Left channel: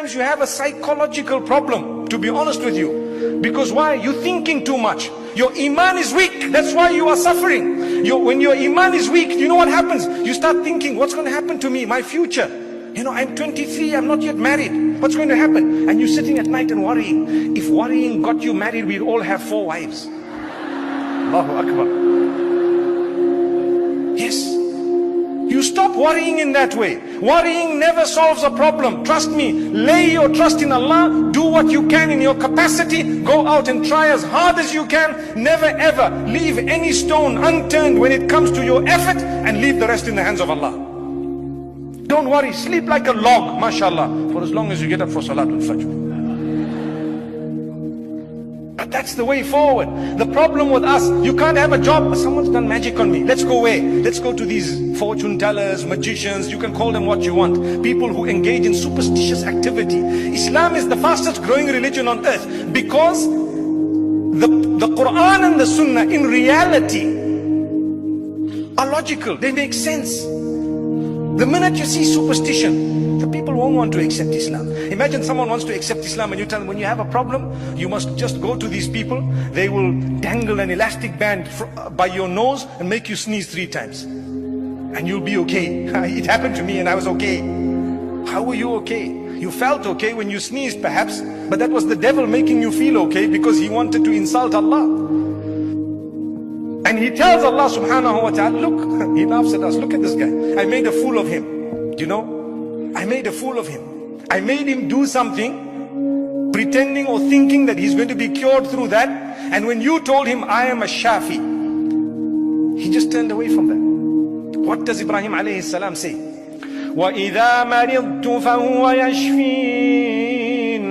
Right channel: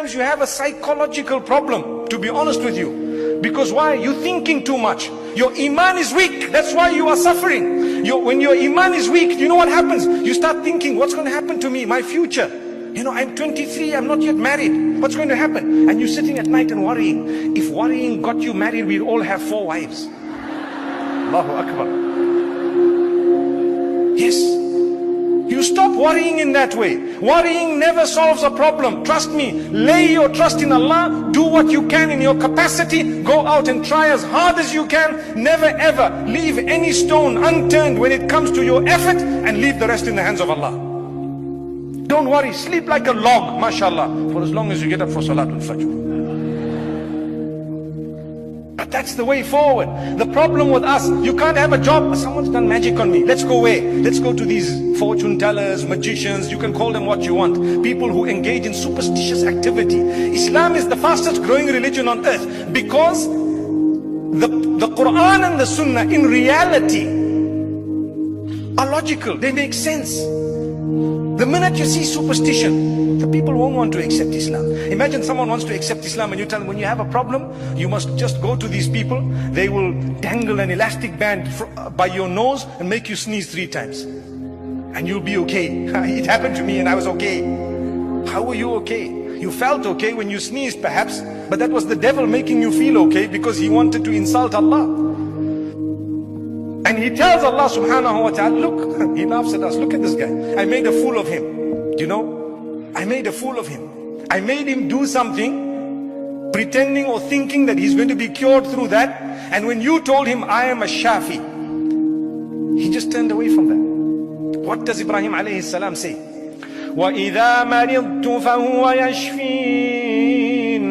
Sometimes you have a psychological problem, to be honest with you. Because why? You're thinking too much. Your iman is weak. That's why you are suffering. When your iman is weak, you know what happens? You start thinking, what's going to happen to me? My future. You know, I'm 23, I'm not yet married. What's going to happen? And you're sitting at night and worrying. If worrying got you married, we'd all have 4 wives. Allahu Akbar. Yes. You stop worrying in that way. Worrying never solves a problem. Trust me. Lay your trust in Allah. Do what you can in your capacity. Go out and try as hard as you can. Never ever leave any stone unturned when it comes to your effort, and leave the rest in the hands of Allah. Don't worry. Sleep like a log, mashallah, for as long as you get up for Salatul Fajr. But that's the way forward. The problem with us, you can't have a job. Someone's done magic on me. Let's go away. Let's go to these fortune tellers, magicians. You can call them what you want. People who engage in superstitious activity. Islam is the fastest growing religion on earth because the Quran and the Sunnah in reality are logical. They make sense. The minute you see superstition, the people won't want to accept Islam. Imagine someone wants to accept Islam and you tell them, when you have a problem, you must just go to these people. They will dangle an elastic band by your nose and make you sneeze 3 times. And you'll be okay. It happened to me and I was okay. How were you okay? You felt okay when you sneezed perhaps, but that was the devil making you feel okay because he wanted to insult Allah. And he tells Allah subhanahu wa ta'ala, look, he laughs at us, look at this guy. I made a fool of him. Do you know? I made a fool of him. I made him do something, pretending or thinking that he's going to be cured through that. And when you told him, I am a Shafi, he just turned away from that. What does Ibrahim alayhi salam say? وَإِذَا مَرِضْتُ فَهُوَ يَشْفِينَ.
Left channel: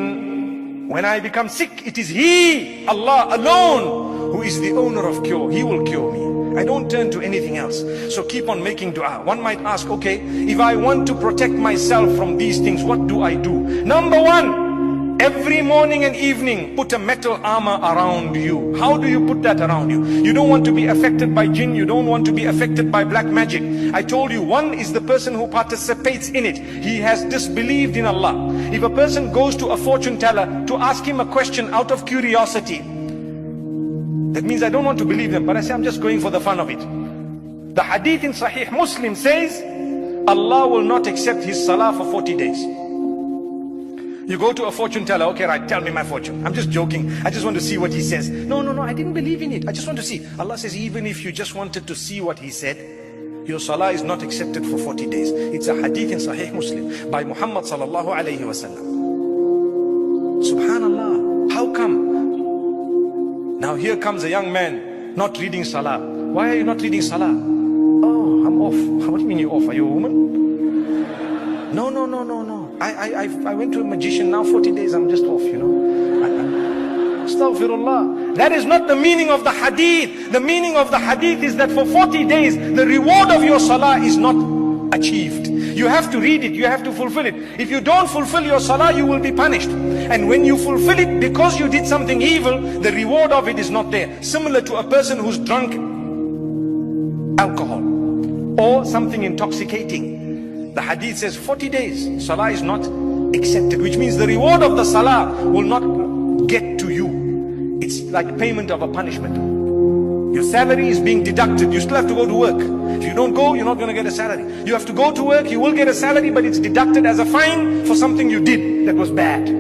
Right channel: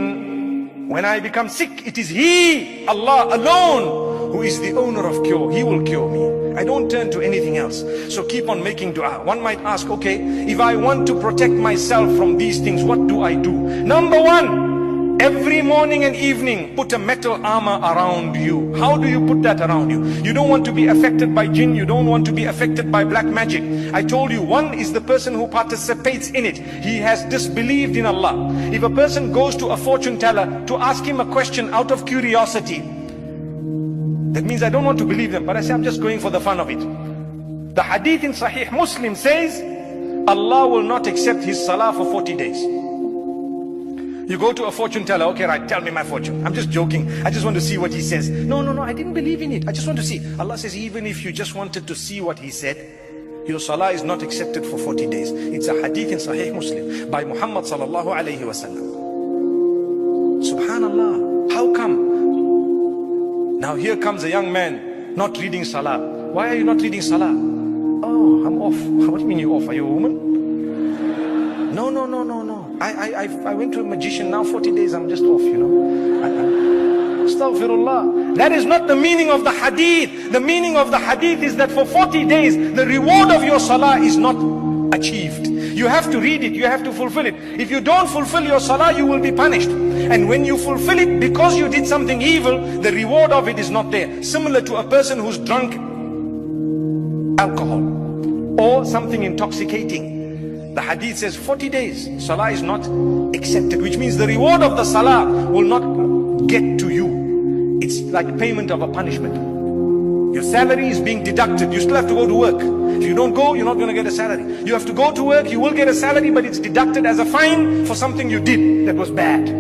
When I become sick, it is He, Allah alone, who is the owner of cure. He will cure me. I don't turn to anything else. So keep on making dua. One might ask, okay, if I want to protect myself from these things, what do I do? Number 1, every morning and evening, put a metal armor around you. How do you put that around you? You don't want to be affected by jinn. You don't want to be affected by black magic. I told you, one is the person who participates in it. He has disbelieved in Allah. If a person goes to a fortune teller to ask him a question out of curiosity, that means I don't want to believe them, but I say I'm just going for the fun of it. The hadith in Sahih Muslim says, Allah will not accept his salah for 40 days. You go to a fortune teller, okay, right, tell me my fortune. I'm just joking. I just want to see what he says. No, I didn't believe in it. I just want to see. Allah says, even if you just wanted to see what he said, your salah is not accepted for 40 days. It's a hadith in Sahih Muslim by Muhammad sallallahu alayhi wa sallam. Subhanallah. How come? Now here comes a young man not reading salah. Why are you not reading salah? Oh, I'm off. What do you mean you're off? Are you a woman? No. I went to a magician. Now 40 days I'm just off, you know. Astaghfirullah. That is not the meaning of the hadith. The meaning of the hadith is that for 40 days the reward of your salah is not achieved. You have to read it, you have to fulfill it. If you don't fulfill your salah, you will be punished. And when you fulfill it because you did something evil, the reward of it is not there. Similar to a person who's drunk alcohol or something intoxicating. The hadith says 40 days, salah is not accepted, which means the reward of the salah will not get to you. It's like payment of a punishment. Your salary is being deducted. You still have to go to work. If you don't go, you're not going to get a salary. You have to go to work, you will get a salary, but it's deducted as a fine for something you did that was bad.